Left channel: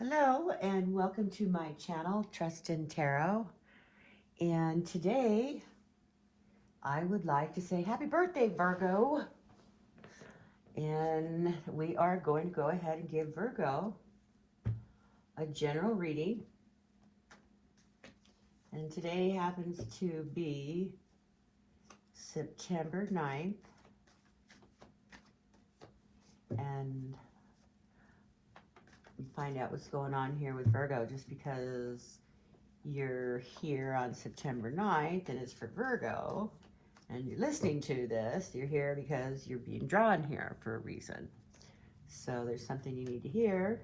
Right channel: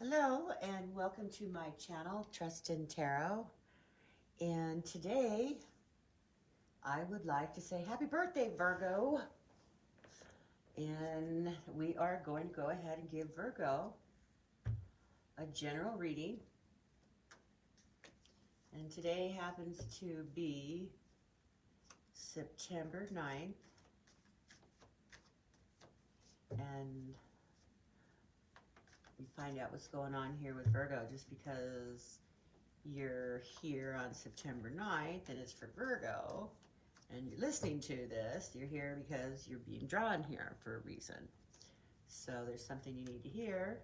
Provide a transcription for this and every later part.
Hello and welcome to my channel, Trust in Tarot. And today I would like to say happy birthday, Virgo. And we are going to go ahead and give Virgo a general reading. And today happens to be September 9th. And we find out what's going on here with Virgo just because you're here on September 9th and it's for Virgo and you're listening to this, you're here because you're being drawn here for a reason. So there's something you need to hear.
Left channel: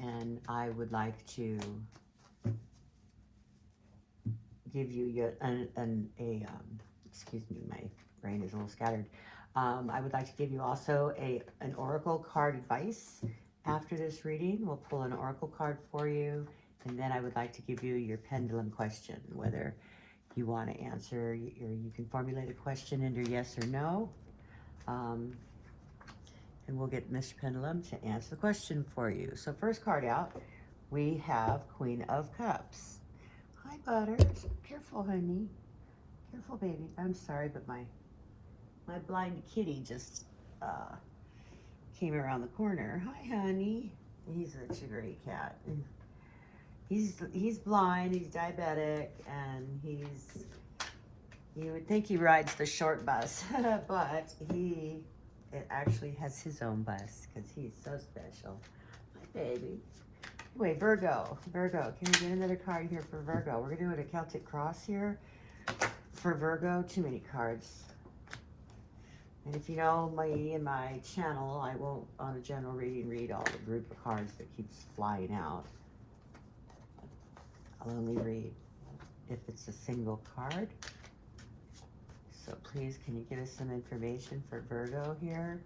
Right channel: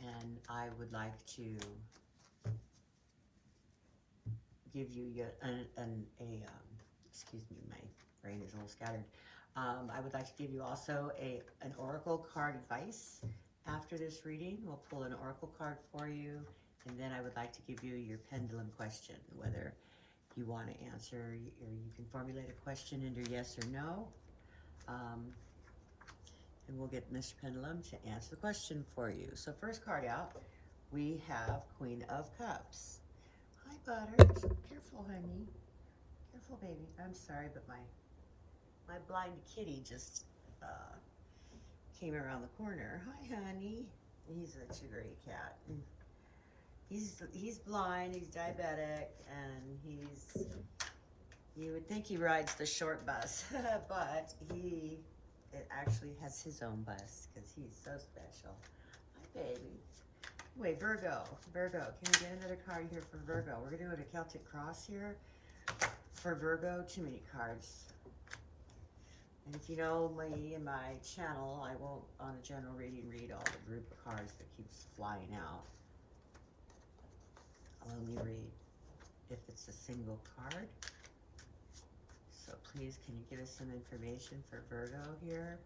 And I would like to give you excuse me, my brain is a little scattered. I would like to give you also an oracle card advice. After this reading, we'll pull an oracle card for you, and then I would like to give you your pendulum question, whether you want to answer, or you can formulate a question into yes or no. And we'll get Mr. Pendulum to answer the question for you. So first card out, we have Queen of Cups. Hi, Butters. Careful, honey. Careful, baby. I'm sorry, but my blind kitty just came around the corner. Hi, honey. He's such a great cat. He's blind, he's diabetic, and you would think he rides the short bus, but it actually has his own bus because he's so special. Hi, baby. Anyway, Virgo, can you get another card here for Virgo? We're gonna do a Celtic cross here for Virgo. Too many cards. And if you know me and my channel, I won't, on a general reading, read all the group of cards that keeps flying out. I'll only read if it's a single card. So please, can you give us some information for Virgo here?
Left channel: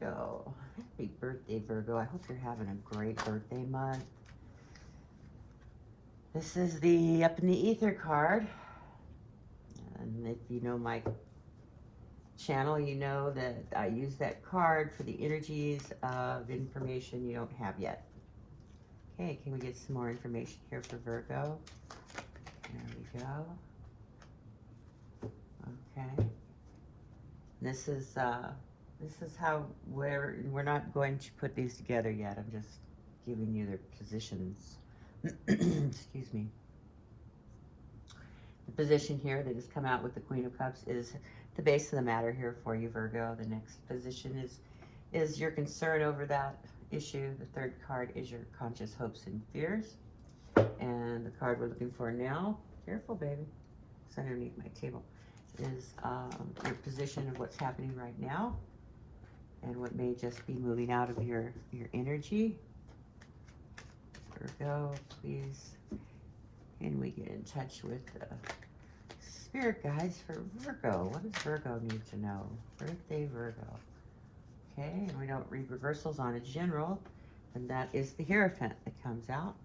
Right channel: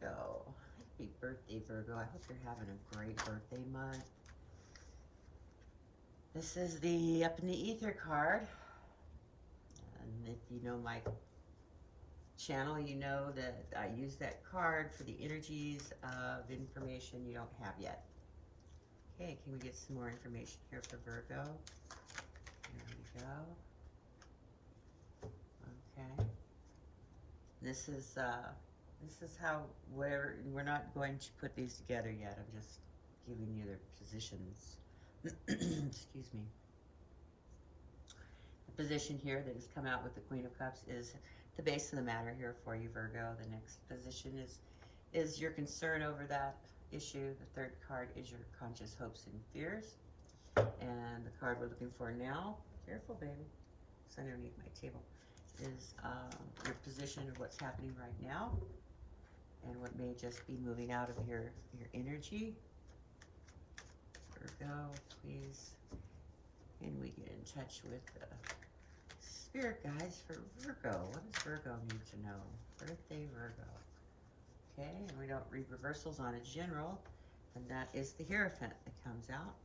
Virgo, happy birthday, Virgo. I hope you're having a great birthday month. This is the Up in the Ether card. And if you know my channel, you know that I use that card for the energies of information you don't have yet. Okay, can we get some more information here for Virgo? There we go. Okay. This is how, we're not going to put these together yet. I'm just giving you their positions. Excuse me. The position here that has come out with the Queen of Cups is the base of the matter here for you, Virgo. The next position is your concern over that issue. The third card is your conscious hopes and fears. And the card we're looking for now, careful, baby, it's underneath my table, is your position of what's happening right now and what may just be moving out of your energy. Virgo, please, can we get in touch with the spirit guides for Virgo? What does Virgo need to know? Birthday Virgo. Okay, and we don't read reversals on a general, and that is the Hierophant that comes out.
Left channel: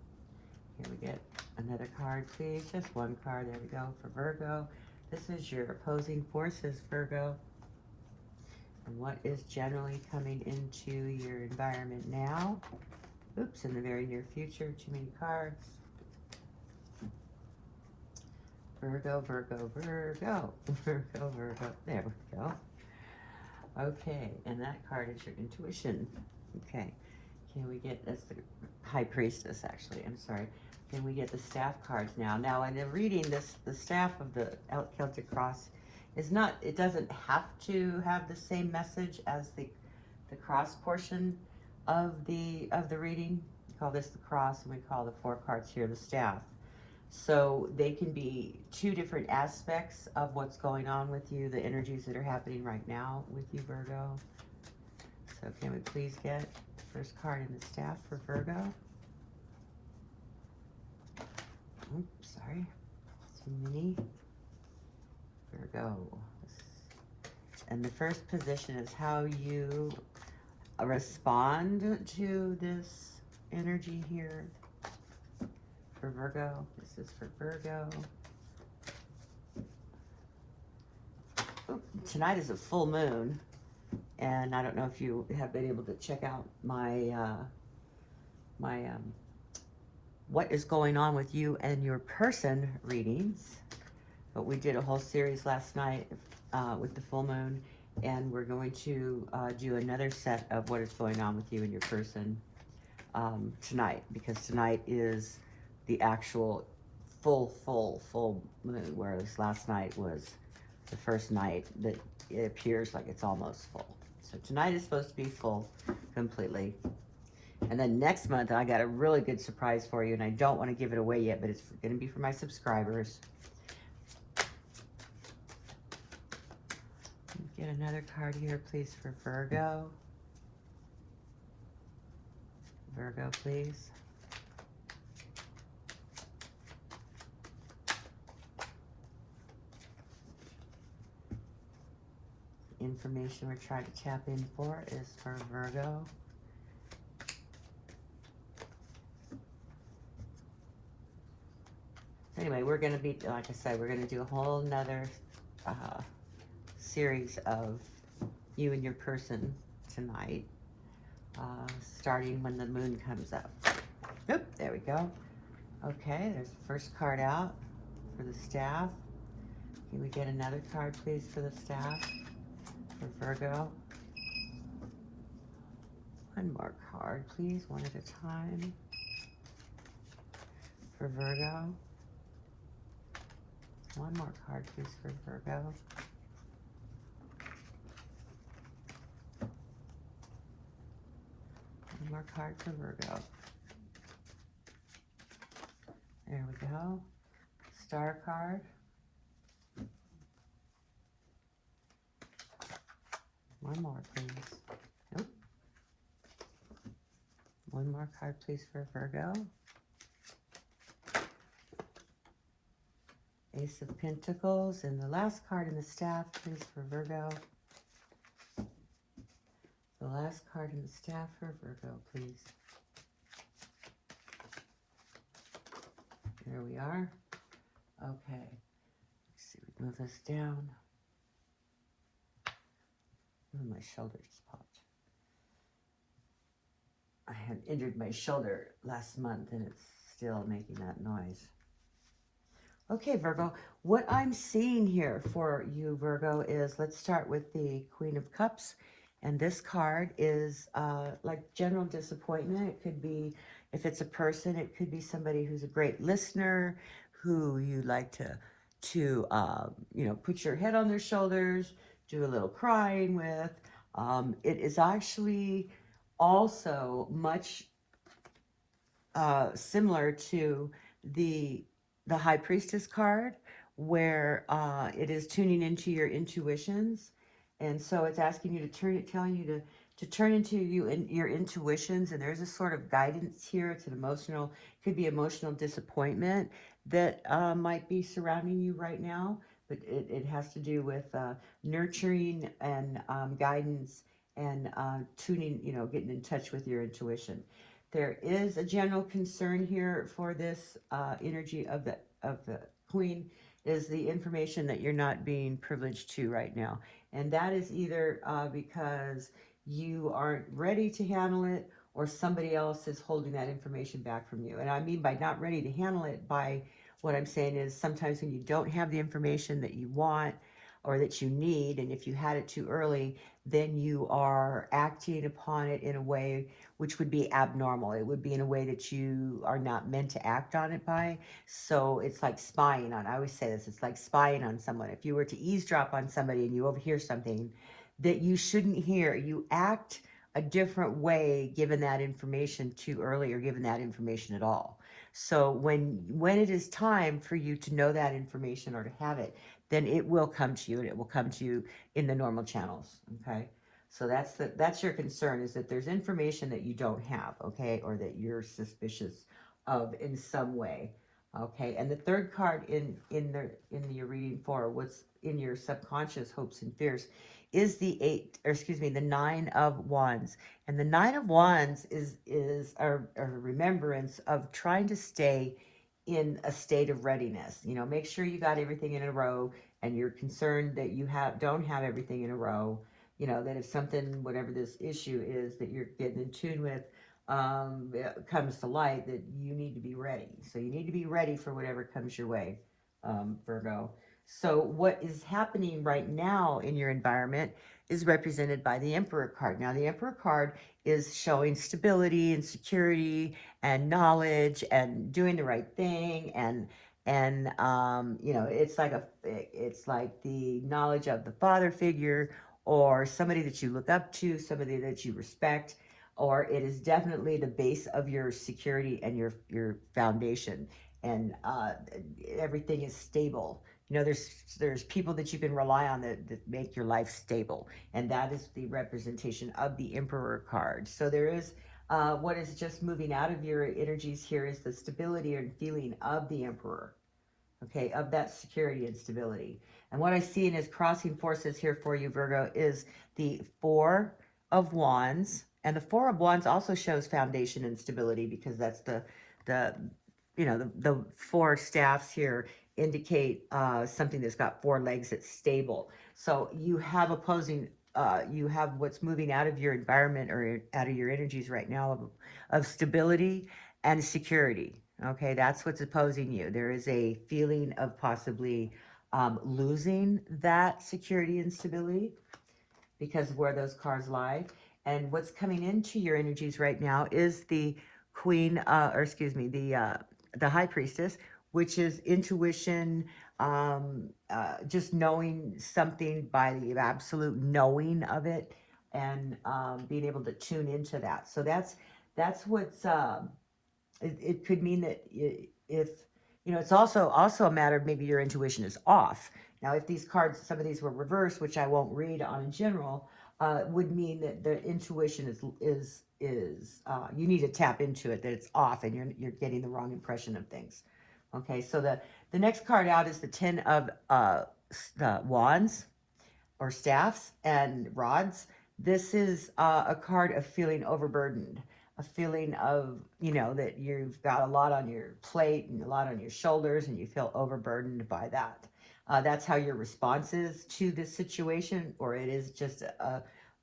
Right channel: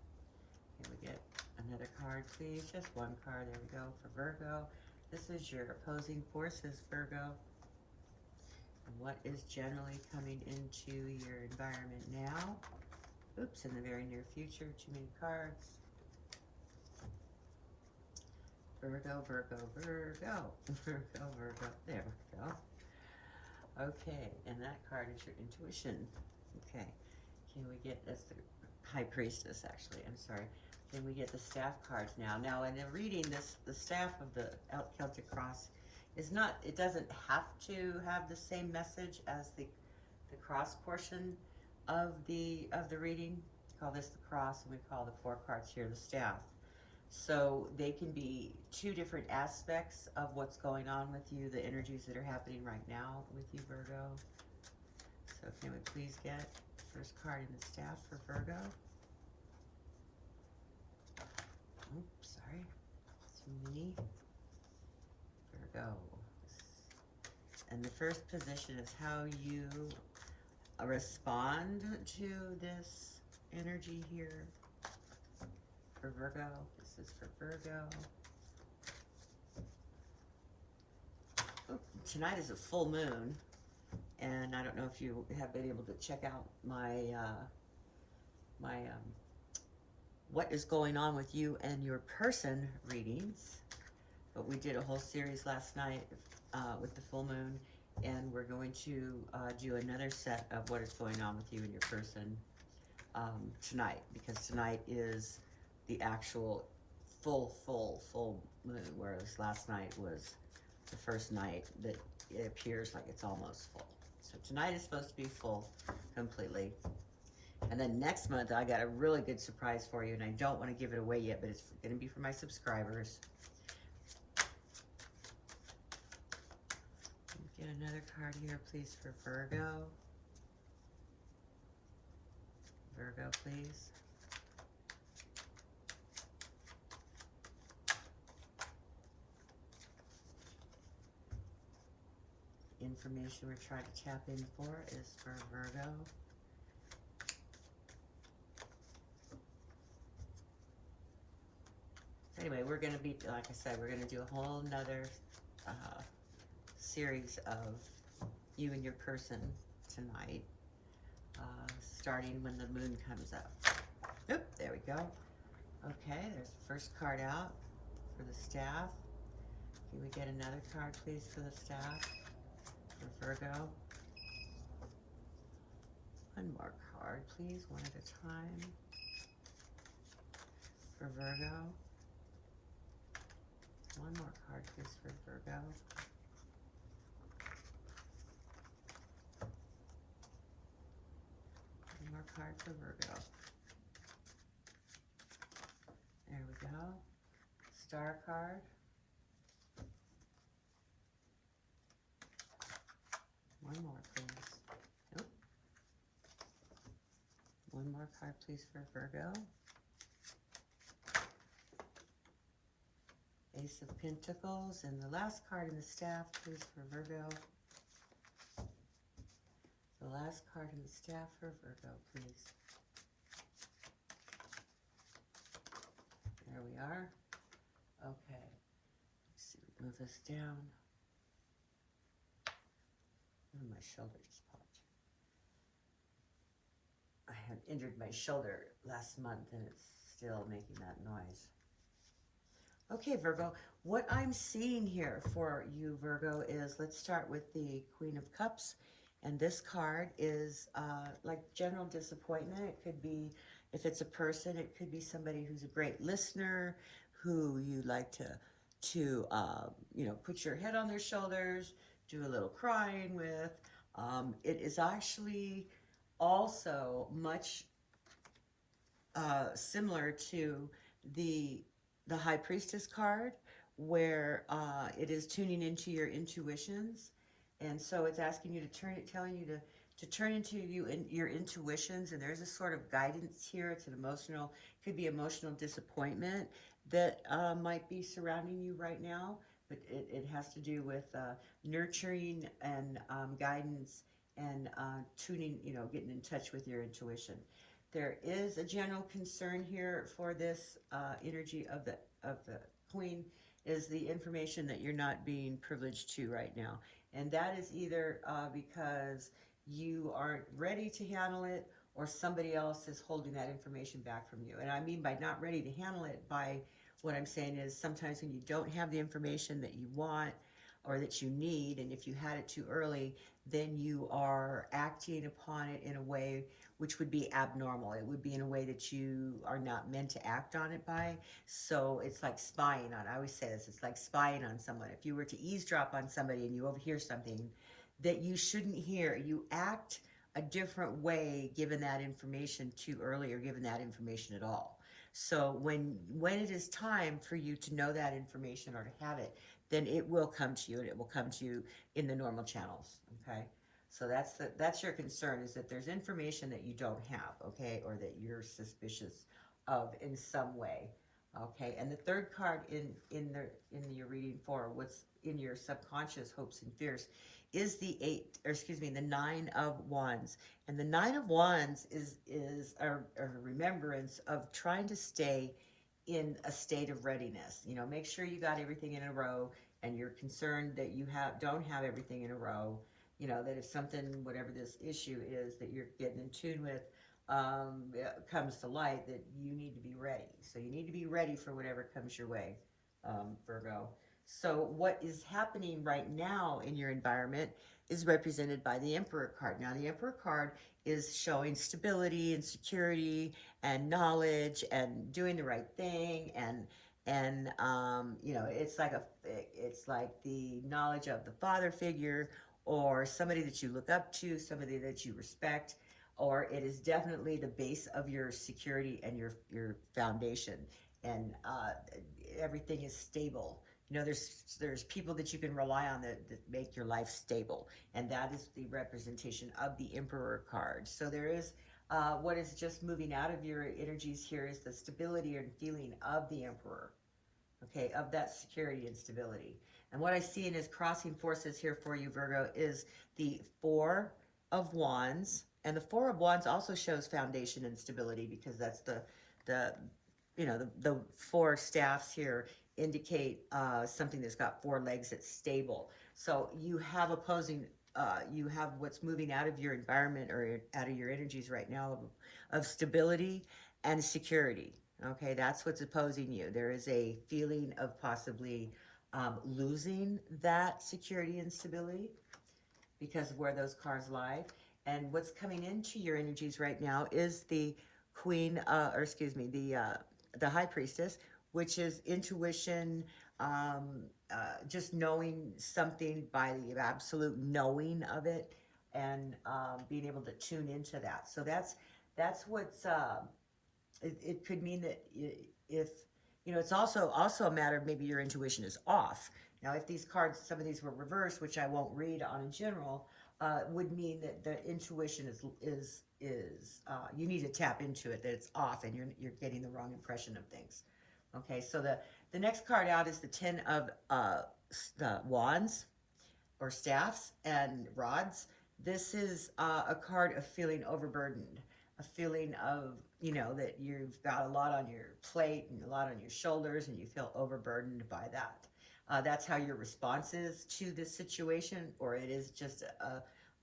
Here we get another card, please. Just one card. There we go for Virgo. This is your opposing forces, Virgo. And what is generally coming into your environment now? Oops, in the very near future. Too many cards. Virgo, Virgo, Virgo. Virgo, Virgo. There we go. Okay, and that card is your intuition. Okay, can we get, that's the High Priestess, actually, I'm sorry. Can we get the staff cards now? Now, in the reading, the staff of the Celtic cross is not, it doesn't have to have the same message as the cross portion of the reading. We call this the cross, and we call the 4 cards here the staff. So they can be 2 different aspects of what's going on with you, the energies that are happening right now with you, Virgo. So can we please get the first card in the staff for Virgo? Oops, sorry, too many. Virgo. And the first position is how you respond to this energy here for Virgo. This is for Virgo. Tonight is a full moon. and I don't know if you have been able to check out my what is going on with you and your person readings. But we did a whole series last night with the full moon, and we're going to do another set of what is going on with you and your person tonight, because tonight is the actual full moon, whereas last night was the first night that it appears like it's almost full. So tonight is supposed to be full completely. And then next month, I got a really good surprise for you, and I don't want to give it away yet, but it's going to be for my subscribers. Get another card here, please, for Virgo. Virgo, please. Information we're trying to tap in for is for Virgo. Anyway, we're going to be, like I said, we're going to do a whole nother series of you and your person tonight, starting when the moon comes up. Oop, there we go. Okay, there's the first card out for the staff. Can we get another card, please, for the staff? For Virgo. One more card, please, one at a time. For Virgo. One more card, please, for Virgo. One more card for Virgo. There we go. Star card. One more, please. Nope. One more card, please, for Virgo. Ace of Pentacles. And the last card in the staff, please, for Virgo. The last card in the staff for Virgo, please. There we are. Okay. Let's see, move this down. Oh, my shoulder just popped. I had injured my shoulder last month, and it's still making that noise. Okay, Virgo, what I'm seeing here for you, Virgo, is, let's start with the Queen of Cups. And this card is like general disappointment. It could be, if it's a person, it could be somebody who's a great listener, who you like to you know, put your head on their shoulders, do a little crying with. It is actually also much similar to the High Priestess card, where it is tuning into your intuitions. And so it's asking you to telling you to turn into your intuitions. And there's a sort of guidance here. It's an emotional, could be emotional disappointment that might be surrounding you right now. But it has to do with nurturing and guidance and tuning, you know, getting in touch with your intuition. There is a general concern here for this energy of the Queen, is the information that you're not being privileged to right now. And that is either because you aren't ready to handle it, or somebody else is holding that information back from you. And I mean by not ready to handle it, by what I'm saying is sometimes when you don't have the information that you want or that you need, and if you had it too early, then you are acting upon it in a way which would be abnormal. It would be in a way that you are not meant to act on it by. So it's like spying on, I always say this, it's like spying on someone. If you were to eavesdrop on somebody and you overhear something that you shouldn't hear, you act a different way given that information too early, or given that information at all. So when it is time for you to know that information or to have it, then it will come to you, and it will come to you in the normal channels, okay? So that's your concern, is that there's information that you don't have, okay, or that you're suspicious of in some way, okay? And the third card in your reading for what's in your subconscious hopes and fears is the Nine of Wands. And the Nine of Wands is a remembrance of trying to stay in a state of readiness. You know, make sure you got everything in a row, and you're concerned that you don't have everything in a row. you know, that if something, whatever this issue is that you're getting in tune with, comes to light, that you need to be ready. So you need to be ready for whatever comes your way, Virgo. So what is happening right now in your environment is represented by the Emperor card. Now the Emperor card is showing stability and security and knowledge and doing the right thing, and you know, it's like the knowledge of the father figure, or somebody that you look up to, somebody that you respect, or it is definitely the base of your security and your foundation, and everything is stable. You know, there's people that you can rely on that make your life stable, and that is the representation of the Emperor card. So there is what is just moving out of your energies here is the stability and feeling of the Emperor, okay, of that security and stability. And what I see in his crossing forces here for you, Virgo, is the Four of Wands. And the Four of Wands also shows foundation and stability, because that's the you know, the four staffs here indicate something that's got four legs that's stable. So you have opposing, you have what's moving out of your environment or out of your energies right now of stability and security. Okay, that's what's opposing you. There is a feeling of possibly losing that security and stability because of where those cards lie. And what's coming into your energies right now is the Queen, or excuse me, the High Priestess, which is intuition, just knowing something by the absolute knowing of it, and being able to tune into that. So that's what's it could mean that if, you know, it's also a matter of maybe your intuition is off. Now, if these cards, some of these were reversed, which I won't read on in general, would mean that the intuition is you need to tap into it, that it's off, and you're getting the wrong impression of things. Okay, so the next card out is the Ten of the Wands, or staffs and rods. This is a card of feeling overburdened, a feeling of, you know, that you've got a lot on your plate and a lot on your shoulders, and you feel overburdened by that. That's how your response is to this situation, or it is just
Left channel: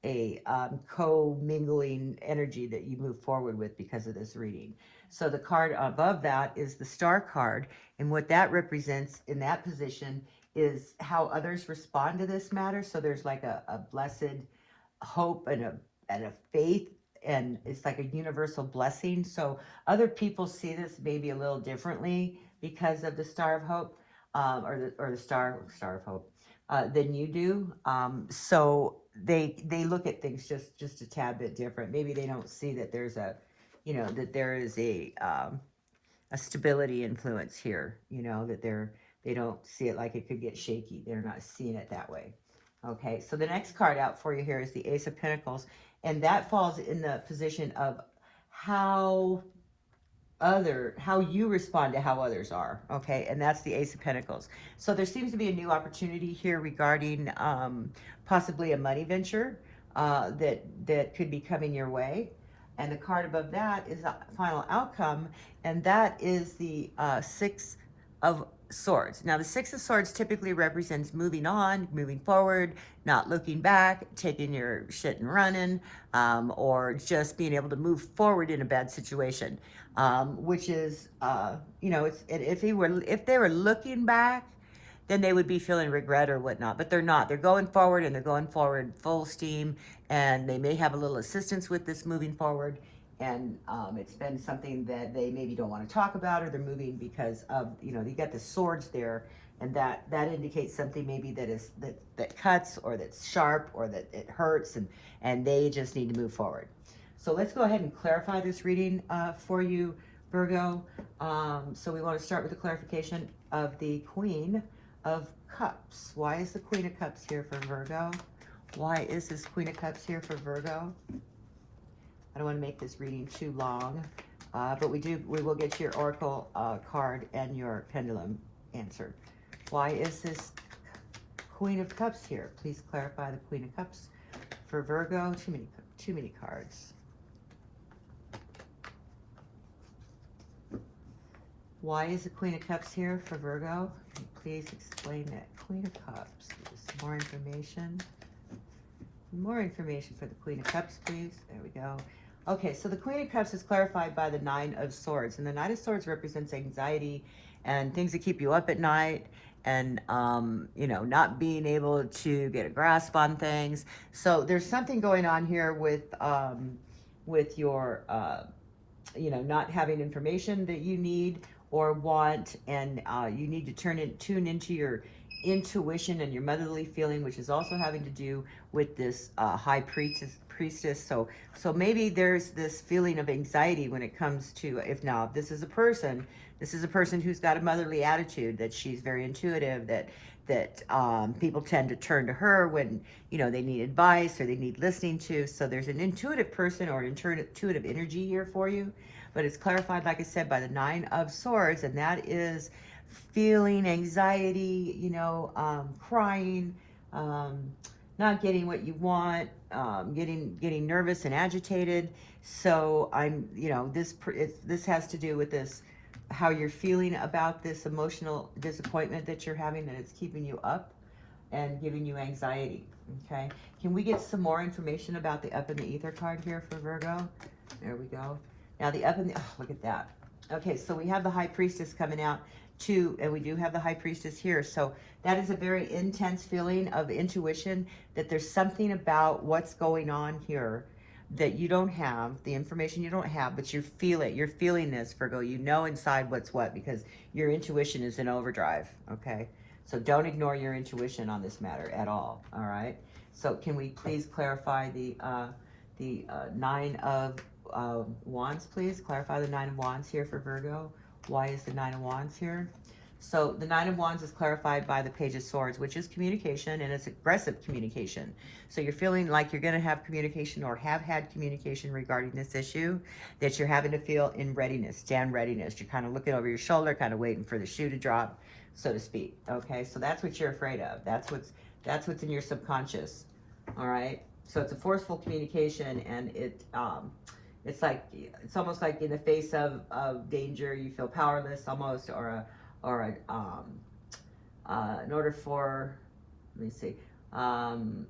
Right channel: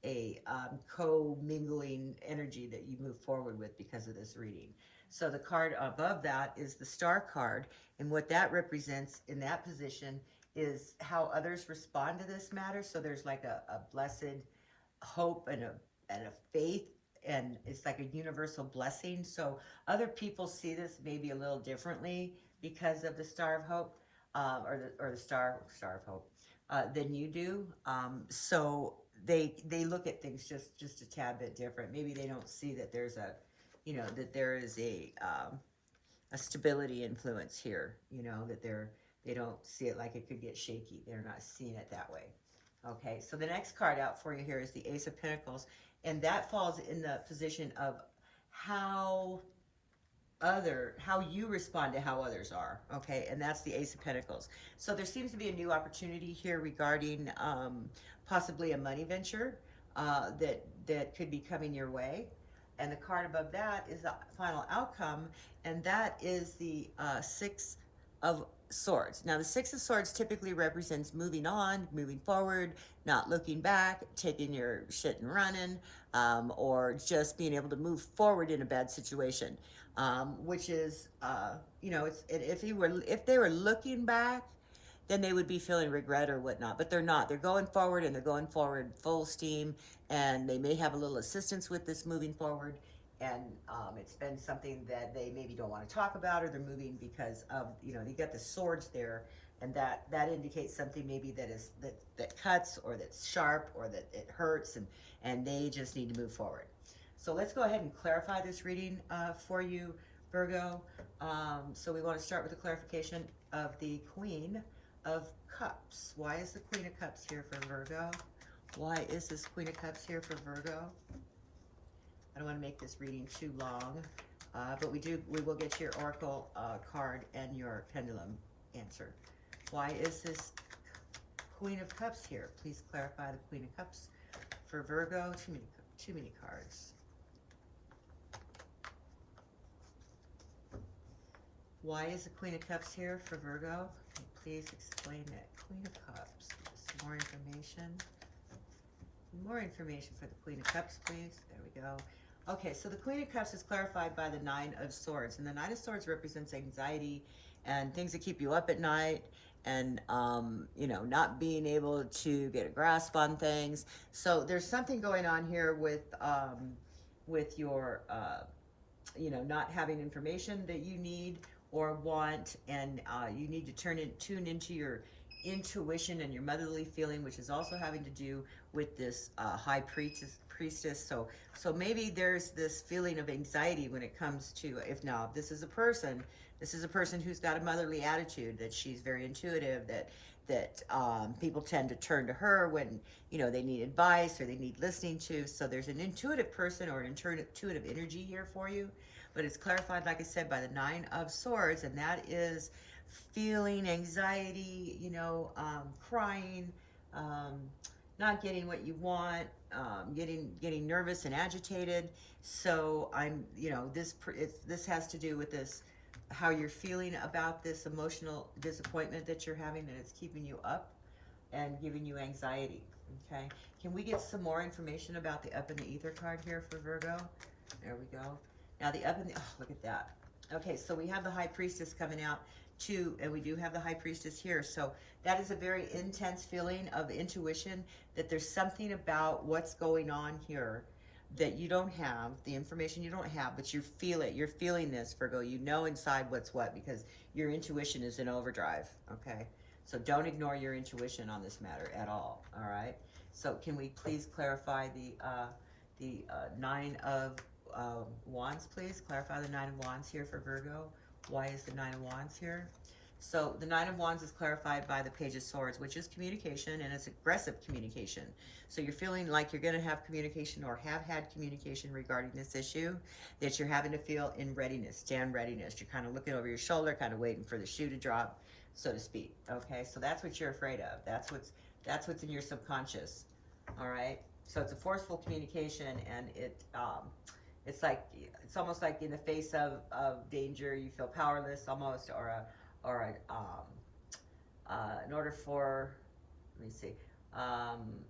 a co-mingling energy that you move forward with because of this reading. So the card above that is the Star card, and what that represents in that position is how others respond to this matter. So there's like a blessed hope and a faith, and it's like a universal blessing. So other people see this maybe a little differently because of the Star of Hope, or the Star of Hope, than you do. So they look at things just a tad bit different. Maybe they don't see that there's a, you know, that there is a stability influence here. You know, that they don't see it like it could get shaky. They're not seeing it that way. Okay, so the next card out for you here is the Ace of Pentacles, and that falls in the position of how you respond to how others are. Okay, and that's the Ace of Pentacles. So there seems to be a new opportunity here regarding possibly a money venture that could be coming your way. And the card above that is the final outcome, and that is the Six of Swords. Now, the Six of Swords typically represents moving on, moving forward, not looking back, taking your shit and running, or just being able to move forward in a bad situation, which is, you know, it's, if they were looking back, then they would be feeling regret or whatnot, but they're not. They're going forward, and they're going forward full steam, and they may have a little assistance with this moving forward, and it's been something that they maybe don't want to talk about, or they're moving because of, you know, you got the swords there, and that indicates something maybe that cuts, or that's sharp, or that it hurts, and they just need to move forward. So let's go ahead and clarify this reading for you, Virgo. So we want to start with the clarification of the Queen of Cups. Why is the Queen of Cups here for Virgo? Why is this Queen of Cups here for Virgo? I don't want to make this reading too long, but we will get your Oracle card and your Pendulum answer. Why is this Queen of Cups here? Please clarify the Queen of Cups for Virgo. Too many cards. Why is the Queen of Cups here for Virgo? Please explain that. Queen of Cups. More information. More information for the Queen of Cups, please. There we go. Okay, so the Queen of Cups is clarified by the Nine of Swords. And the Nine of Swords represents anxiety and things that keep you up at night and, you know, not being able to get a grasp on things. So there's something going on here with your, you know, not having information that you need or want, and you need to tune into your intuition and your motherly feeling, which is also having to do with this high priestess. So maybe there's this feeling of anxiety when it comes to, if now this is a person who's got a motherly attitude, that she's very intuitive, that people tend to turn to her when, you know, they need advice or they need listening to. So there's an intuitive person or an intuitive energy here for you, but it's clarified, like I said, by the Nine of Swords, and that is feeling anxiety, you know, crying, not getting what you want, getting nervous and agitated. So you know, this has to do with this, how you're feeling about this emotional disappointment that you're having, and it's keeping you up and giving you anxiety. Okay, can we get some more information about the Up in the Ether card here for Virgo? There we go. Now the Up in the, oh, look at that. Okay, so we have the High Priestess coming out too, and we do have the High Priestess here. So that is a very intense feeling of intuition, that there's something about what's going on here that you don't have, the information you don't have, but you feel it. You're feeling this, Virgo. You know inside what's what, because your intuition is in overdrive, okay? So don't ignore your intuition on this matter at all right? So can we please clarify the Nine of Wands, please? Clarify the Nine of Wands here for Virgo. Why is the Nine of Wands here? So the Nine of Wands is clarified by the Page of Swords, which is communication, and it's aggressive communication. So you're feeling like you're going to have communication or have had communication regarding this issue, that you're having to feel in readiness, stand readiness. You're kind of looking over your shoulder, kind of waiting for the shoe to drop, so to speak. Okay, so that's what you're afraid of. That's what's in your subconscious. All right. So it's a forceful communication, and it's almost like in the face of danger, you feel powerless almost, in order for, let me see,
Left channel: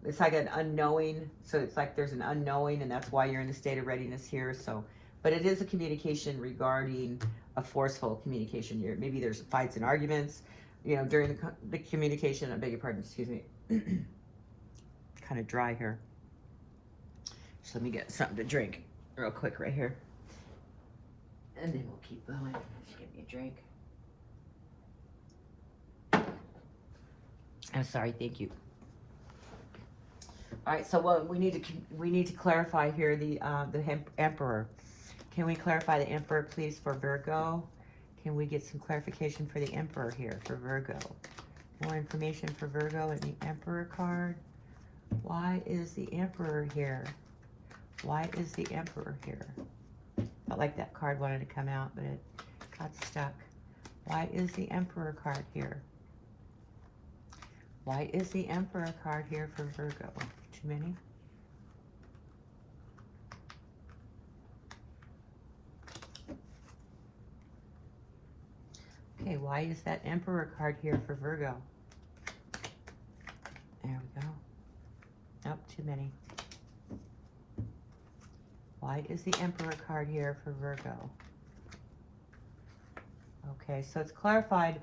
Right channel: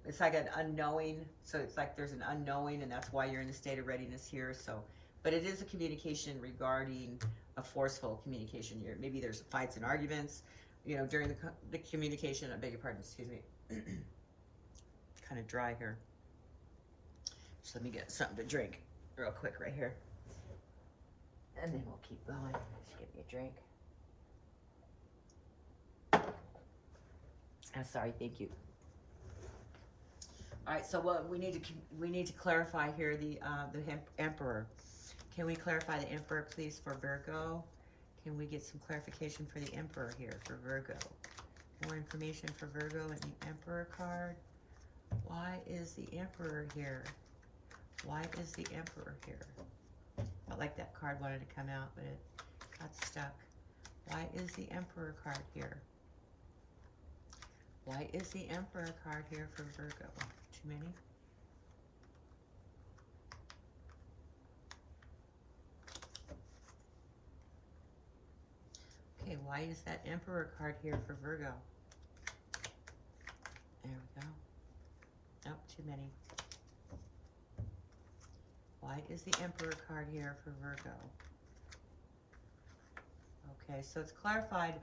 it's like an unknowing. So it's like there's an unknowing, and that's why you're in a state of readiness here. So, but it is a communication regarding a forceful communication here. Maybe there's fights and arguments, you know, during the communication. I beg your pardon, excuse me. Kind of dry here. So let me get something to drink real quick right here, and then we'll keep going. Just give me a drink. I'm sorry, thank you. All right, so we need to clarify here the Emperor. Can we clarify the Emperor, please, for Virgo? Can we get some clarification for the Emperor here for Virgo? More information for Virgo and the Emperor card. Why is the Emperor here? Why is the Emperor here? Felt like that card wanted to come out, but it got stuck. Why is the Emperor card here? Why is the Emperor card here for Virgo? Too many? Okay, why is that Emperor card here for Virgo? There we go. Nope, too many. Why is the Emperor card here for Virgo? Okay, so it's clarified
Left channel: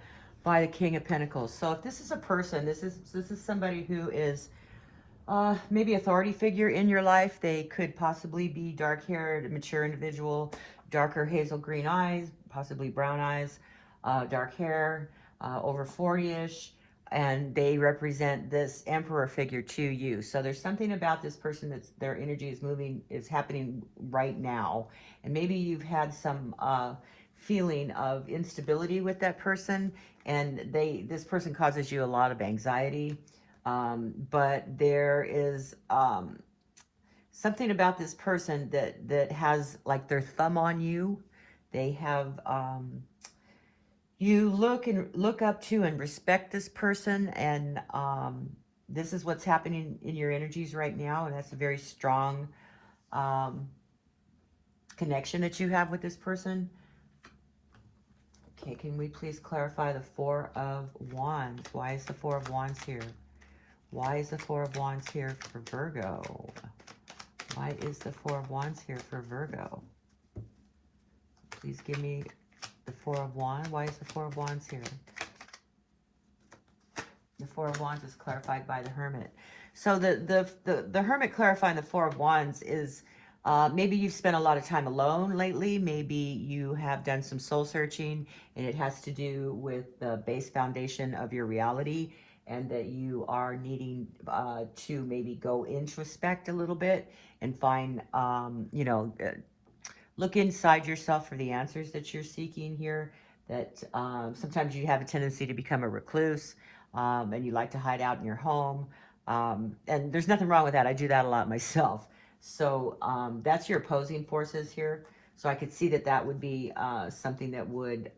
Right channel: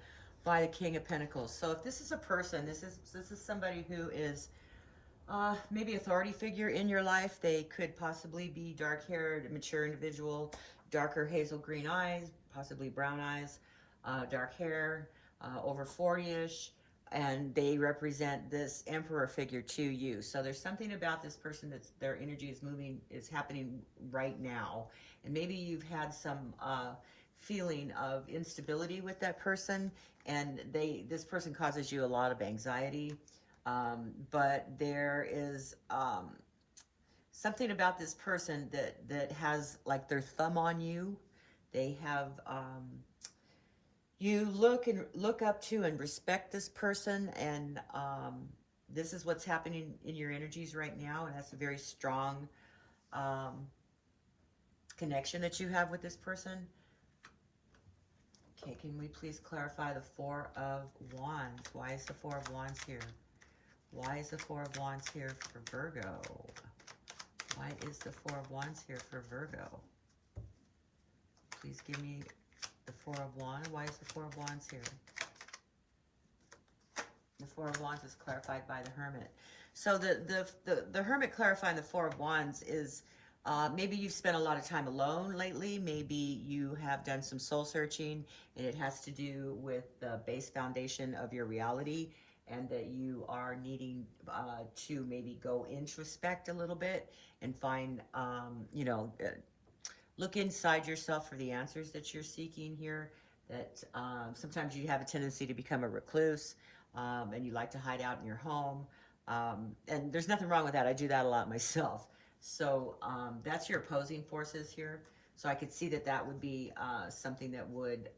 by the King of Pentacles. So if this is a person, this is somebody who is maybe authority figure in your life. They could possibly be dark-haired, mature individual, darker hazel green eyes, possibly brown eyes, dark hair, over 40-ish, and they represent this Emperor figure to you. So there's something about this person that's their energy is moving, is happening right now, and maybe you've had some feeling of instability with that person, and this person causes you a lot of anxiety. But there is something about this person that has like their thumb on you. They have you look up to and respect this person, and this is what's happening in your energies right now, and that's a very strong connection that you have with this person. Okay, can we please clarify the Four of Wands? Why is the Four of Wands here? Why is the Four of Wands here for Virgo? Why is the Four of Wands here for Virgo? Please give me the Four of Wands. Why is the Four of Wands here? The Four of Wands is clarified by the Hermit. So the Hermit clarifying the Four of Wands is maybe you've spent a lot of time alone lately. Maybe you have done some soul searching, and it has to do with the base foundation of your reality, and that you are needing to maybe go introspect a little bit and find, you know, look inside yourself for the answers that you're seeking here. That sometimes you have a tendency to become a recluse, and you like to hide out in your home. And there's nothing wrong with that. I do that a lot myself. So that's your opposing forces here. So I could see that that would be something that would,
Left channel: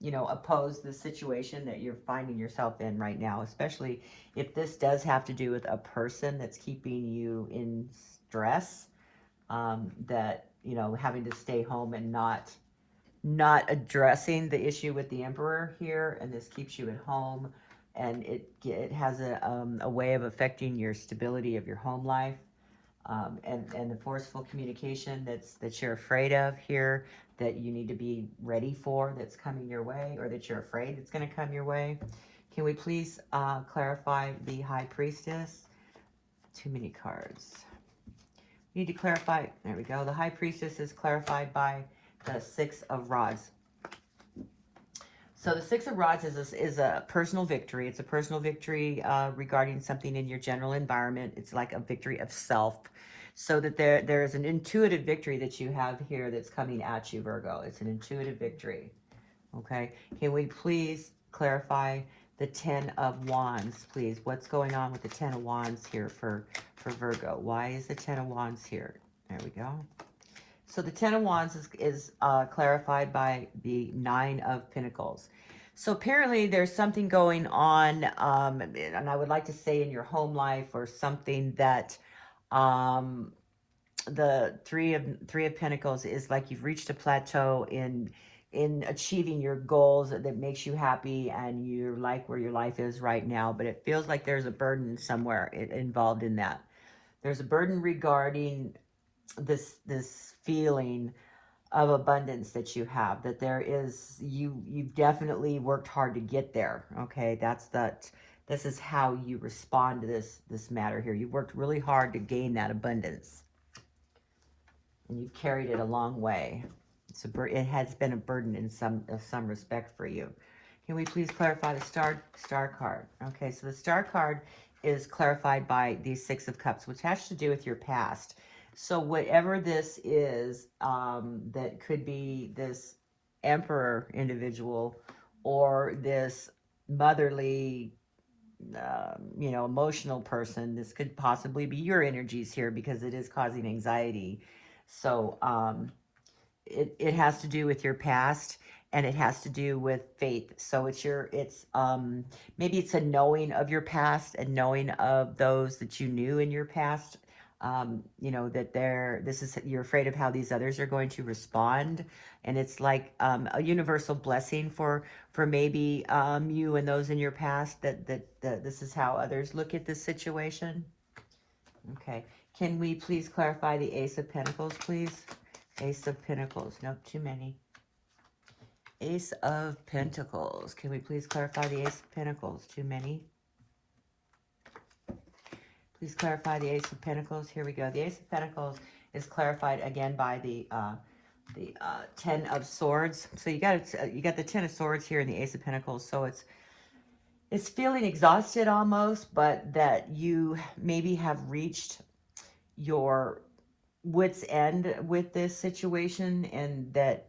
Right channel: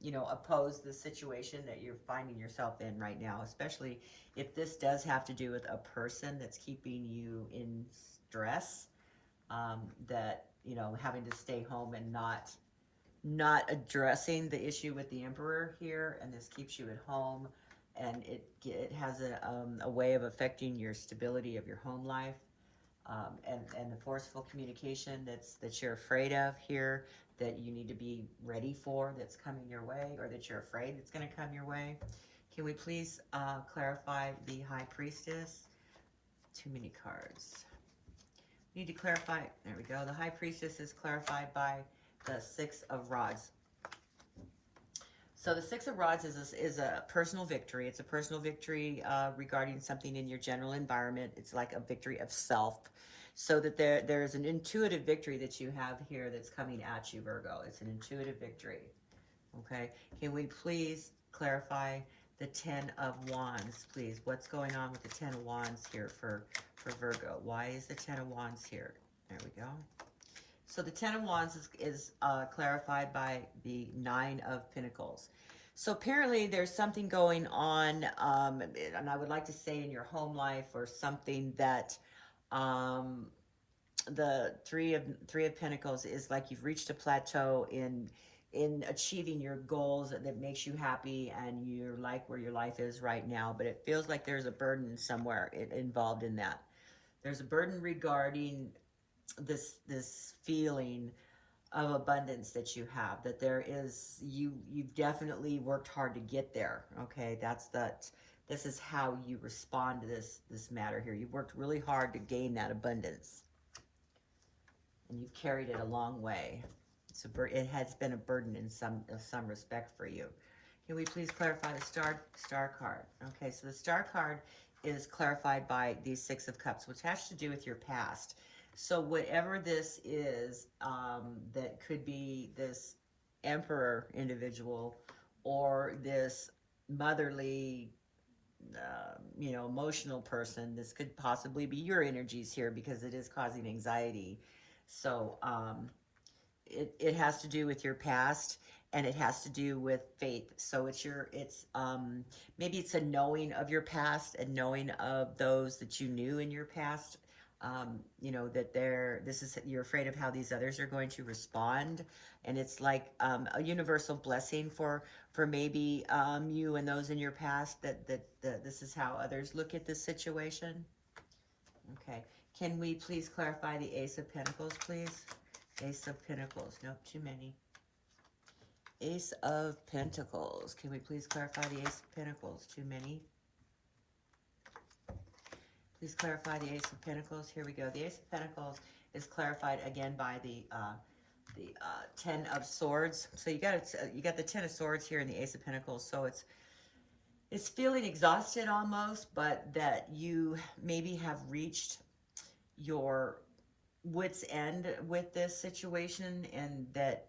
you know, oppose the situation that you're finding yourself in right now, especially if this does have to do with a person that's keeping you in stress, that, you know, having to stay home and not addressing the issue with the Emperor here, and this keeps you at home, and it has a way of affecting your stability of your home life, and the forceful communication that you're afraid of here, that you need to be ready for, that's coming your way, or that you're afraid it's going to come your way. Can we please clarify the High Priestess? Too many cards. We need to clarify. There we go. The High Priestess is clarified by the Six of Rods. So the Six of Rods is a personal victory. It's a personal victory regarding something in your general environment. It's like a victory of self. So that there is an intuitive victory that you have here that's coming at you, Virgo. It's an intuitive victory. Okay. Can we please clarify the Ten of Wands, please? What's going on with the Ten of Wands here for Virgo? Why is the Ten of Wands here? There we go. So the Ten of Wands is clarified by the Nine of Pentacles. So apparently there's something going on, and I would like to say in your home life, or something that the Three of Pentacles is like you've reached a plateau in achieving your goals that makes you happy, and you like where your life is right now, but it feels like there's a burden somewhere involved in that. There's a burden regarding this feeling of abundance that you have, that there is, you've definitely worked hard to get there. Okay, this is how you respond to this matter here. You've worked really hard to gain that abundance, and you've carried it a long way. It has been a burden in some respect for you. Can we please clarify the star card? Okay, so the star card is clarified by the Six of Cups, which has to do with your past. So whatever this is, that could be this Emperor individual, or this motherly, you know, emotional person. This could possibly be your energies here, because it is causing anxiety. So it has to do with your past, and it has to do with faith. So maybe it's a knowing of your past, and knowing of those that you knew in your past. You know, that you're afraid of how these others are going to respond, and it's like a universal blessing for maybe you and those in your past, that this is how others look at this situation. Okay, can we please clarify the Ace of Pentacles, please? Ace of Pentacles. Nope, too many. Ace of Pentacles. Can we please clarify the Ace of Pentacles? Too many. Please clarify the Ace of Pentacles. Here we go. The Ace of Pentacles is clarified again by the Ten of Swords. So you got the Ten of Swords here in the Ace of Pentacles. So it's feeling exhausted almost, but that you maybe have reached your wit's end with this situation, and that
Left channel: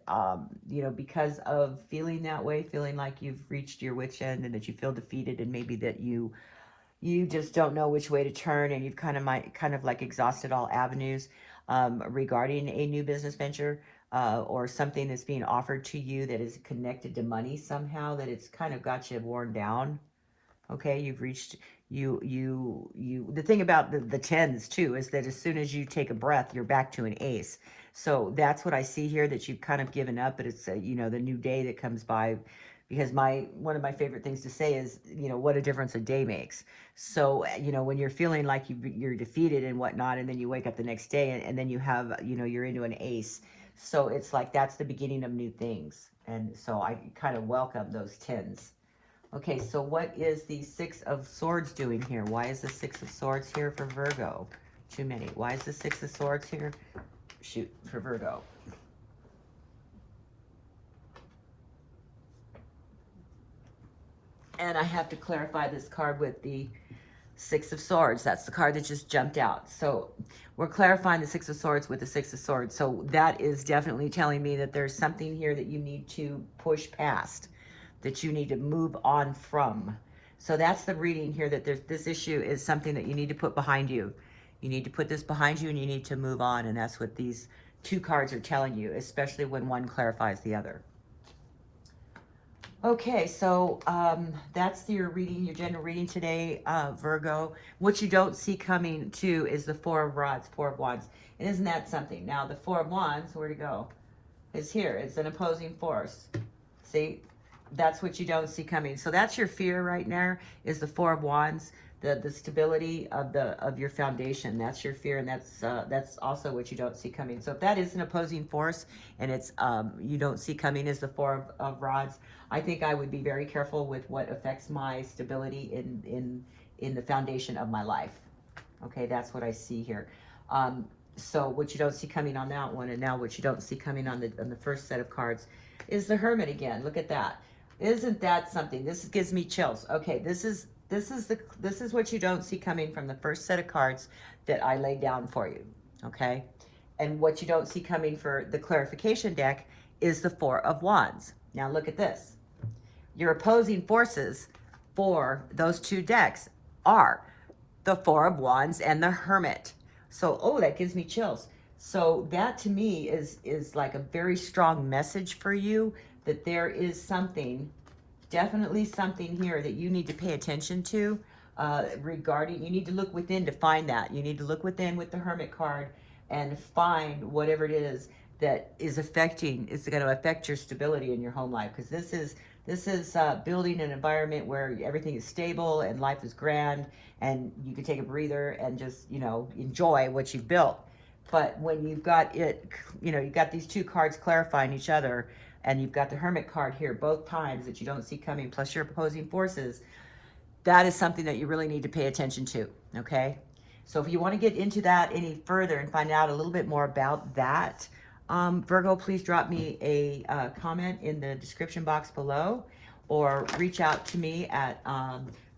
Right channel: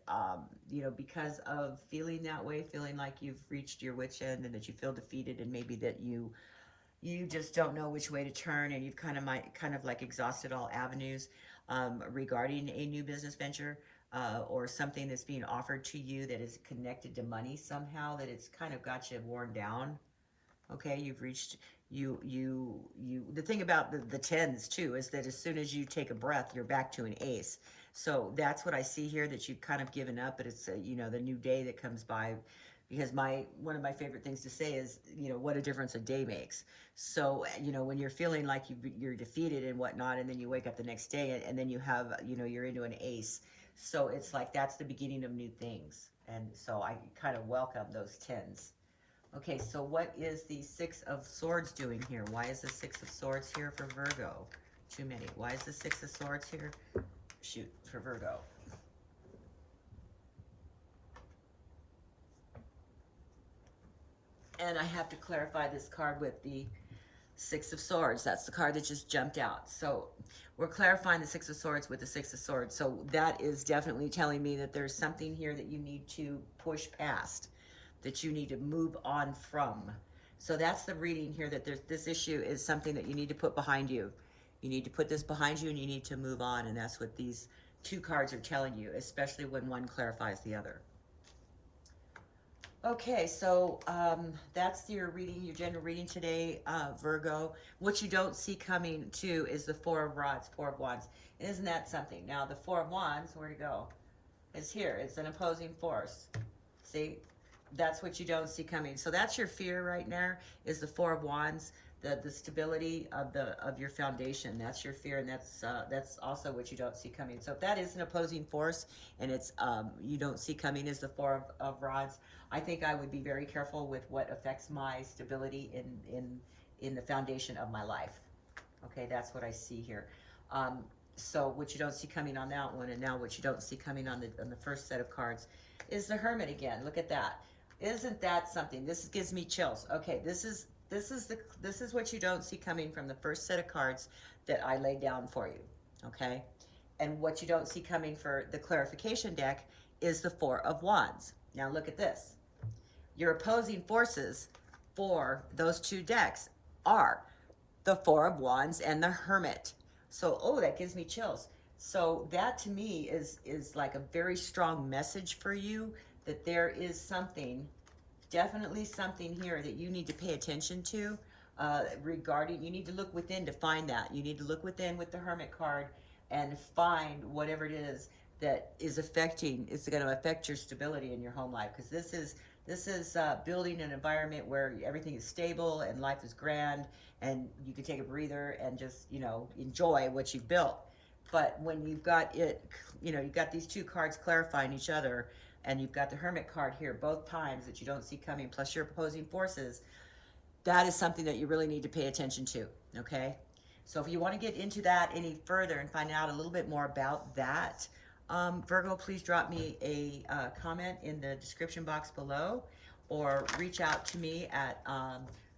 you know, because of feeling that way, feeling like you've reached your wit's end, and that you feel defeated, and maybe that you just don't know which way to turn, and you've kind of like exhausted all avenues regarding a new business venture, or something that's being offered to you that is connected to money somehow, that it's kind of got you worn down. Okay, you've reached, the thing about the tens too is that as soon as you take a breath, you're back to an ace. So that's what I see here, that you've kind of given up, but it's you know, the new day that comes by because one of my favorite things to say is, you know, what a difference a day makes. So, you know, when you're feeling like you're defeated and whatnot, and then you wake up the next day and then you have, you know, you're into an ace. So it's like that's the beginning of new things. And so I kind of welcome those 10s. Okay, so what is the Six of Swords doing here? Why is the Six of Swords here for Virgo? Too many. Why is the Six of Swords here? Shoot, for Virgo. And I have to clarify this card with the Six of Swords. That's the card that just jumped out. So we're clarifying the Six of Swords with the Six of Swords. So that is definitely telling me that there's something here that you need to push past, that you need to move on from. So that's the reading here, that this issue is something that you need to put behind you. You need to put this behind you and you need to move on. And that's what these two cards are telling you, especially when one clarifies the other. Okay, so that's your reading, your general reading today, Virgo. What you don't see coming, too, is the Four of Rods, Four of Wands. And isn't that something? Now, the Four of Wands, where to go? It's here. It's an opposing force. See? That's what you don't see coming. So that's your fear right now, is the Four of Wands, the stability of your foundation. That's your fear, and that's also what you don't see coming. So if that is an opposing force, and it's you don't see coming is the Four of Rods, I think I would be very careful with what affects my stability in the foundation of my life. Okay, that's what I see here. So what you don't see coming on that one, and now what you don't see coming on the first set of cards, is the Hermit again. Look at that. Isn't that something? This gives me chills. Okay, this is what you don't see coming from the first set of cards that I laid down for you. Okay, and what you don't see coming for the clarification deck is the Four of Wands. Now look at this. Your opposing forces for those two decks are the Four of Wands and the Hermit. So, oh, that gives me chills. So that to me is like a very strong message for you, that there is something, definitely something here that you need to pay attention to regarding, you need to look within to find that. You need to look within with the Hermit card and find whatever it is that is going to affect your stability in your home life. Because this is building an environment where everything is stable and life is grand and you can take a breather and just, you know, enjoy what you've built. But when you've got it, you know, you've got these two cards clarifying each other, and you've got the Hermit card here both times that you don't see coming, plus your opposing forces, that is something that you really need to pay attention to, okay? So if you want to get into that any further and find out a little bit more about that, Virgo, please drop me a comment in the description box below, or reach out to me at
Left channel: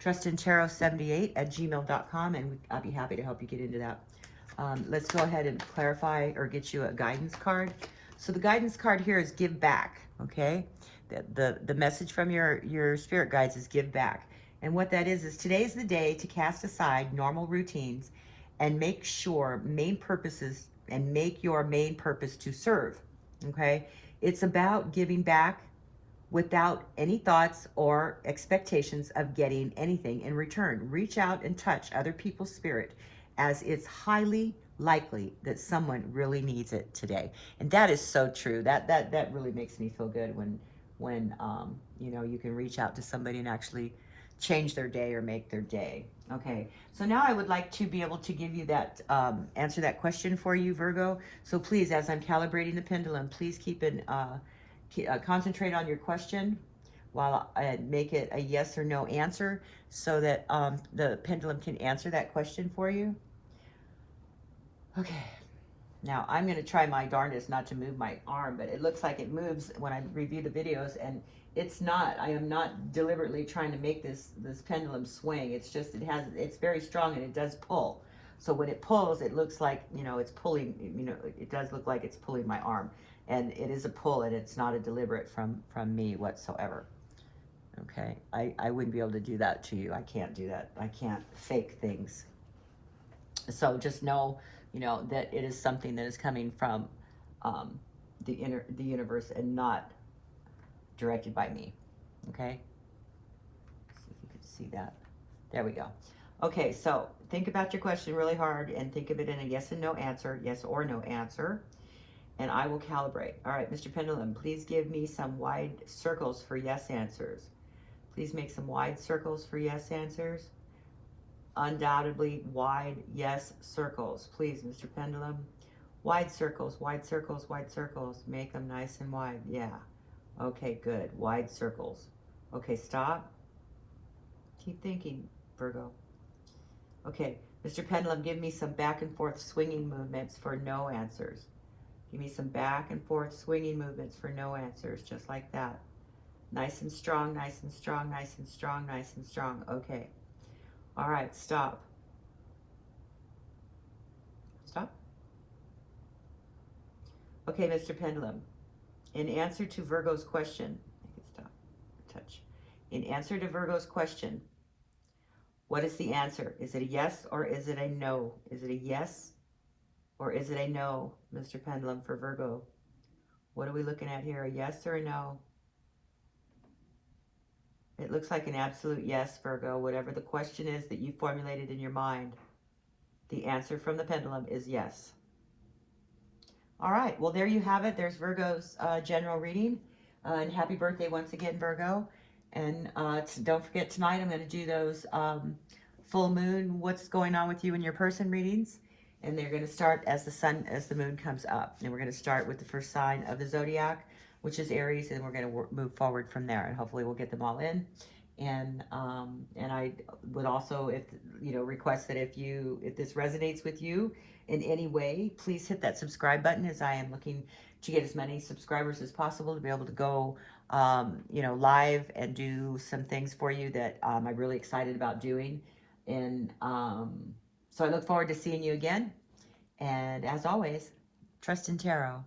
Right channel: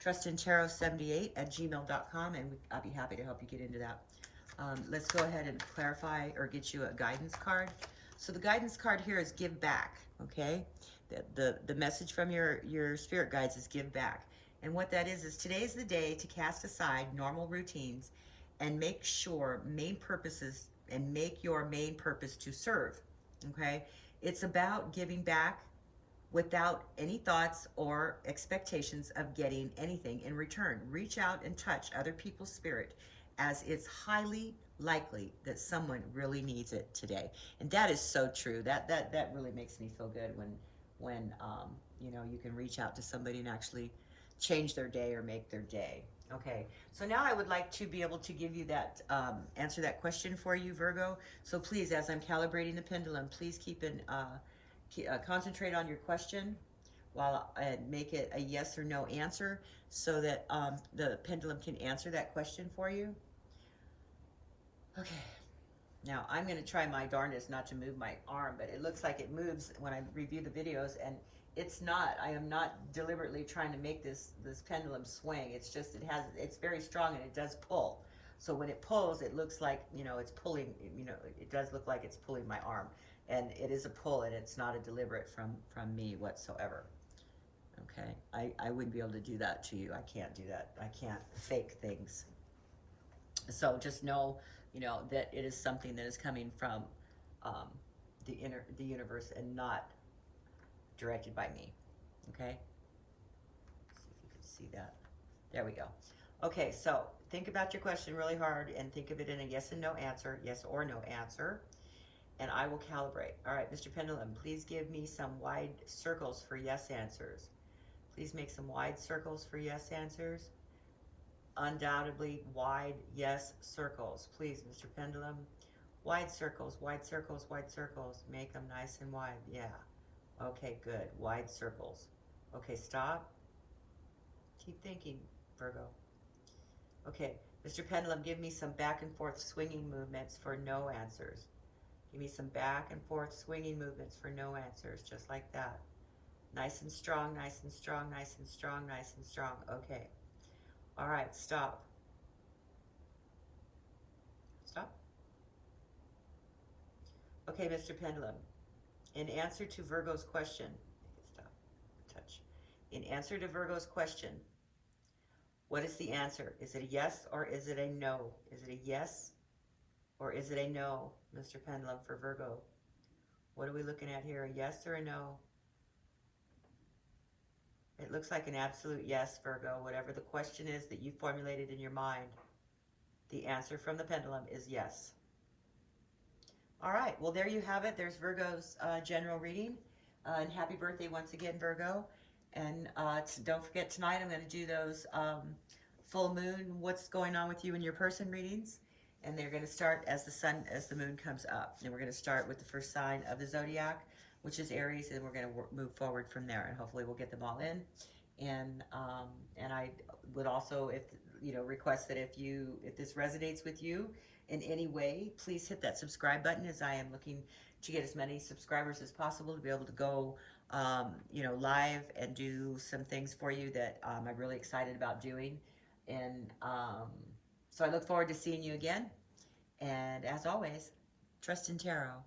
trustintarot78@gmail.com, and I'll be happy to help you get into that. Let's go ahead and clarify or get you a guidance card. So the guidance card here is give back, okay? The message from your spirit guides is give back. And what that is today's the day to cast aside normal routines and make your main purpose to serve, okay? It's about giving back without any thoughts or expectations of getting anything in return. Reach out and touch other people's spirit, as it's highly likely that someone really needs it today. And that is so true. That really makes me feel good when you know, you can reach out to somebody and actually change their day or make their day. Okay, so now I would like to be able to give you that answer that question for you, Virgo. So please, as I'm calibrating the pendulum, please concentrate on your question while I make it a yes or no answer, so that the pendulum can answer that question for you. Okay, now I'm going to try my darndest not to move my arm, but it looks like it moves when I review the videos, and it's not. I am not deliberately trying to make this pendulum swing. It's just it's very strong, and it does pull. So when it pulls, it looks like, you know, it's pulling, you know, it does look like it's pulling my arm, and it is a pull, and it's not a deliberate from me whatsoever. Okay, I wouldn't be able to do that to you. I can't do that. I can't fake things. So just know, you know, that it is something that is coming from the universe and not directed by me. Okay, see if you can see that. There we go. Okay, so think about your question really hard and think of it in a yes and no answer, yes or no answer. and I will calibrate. All right, Mr. Pendulum, please give me some wide circles for yes answers. Please make some wide circles for yes answers. Undoubtedly wide yes circles. Please, Mr. Pendulum. Wide circles, wide circles, wide circles. Make them nice and wide. Yeah. Okay, good. Wide circles. Okay, stop. Keep thinking, Virgo. Okay, Mr. Pendulum, give me some back and forth swinging movements for no answers. Give me some back and forth swinging movements for no answers, just like that. Nice and strong, nice and strong, nice and strong, nice and strong. Okay. All right, stop. Stop. Okay, Mr. Pendulum, in answer to Virgo's question, I can stop, touch. In answer to Virgo's question, what is the answer? Is it a yes or is it a no? Is it a yes or is it a no, Mr. Pendulum, for Virgo? What are we looking at here, a yes or a no? It looks like an absolute yes, Virgo. Whatever the question is that you formulated in your mind, the answer from the pendulum is yes. All right, well, there you have it. There's Virgo's general reading. And happy birthday once again, Virgo. And don't forget, tonight I'm going to do those full moon, what's going on with you and your person readings. And they're going to start as the moon comes up. And we're going to start with the first sign of the Zodiac, which is Aries, and we're going to move forward from there. And hopefully we'll get them all in. And I would also, request that if this resonates with you in any way, please hit that subscribe button, as I am looking to get as many subscribers as possible to be able to go, live and do some things for you that I'm really excited about doing. And so I look forward to seeing you again. And as always, trust in tarot.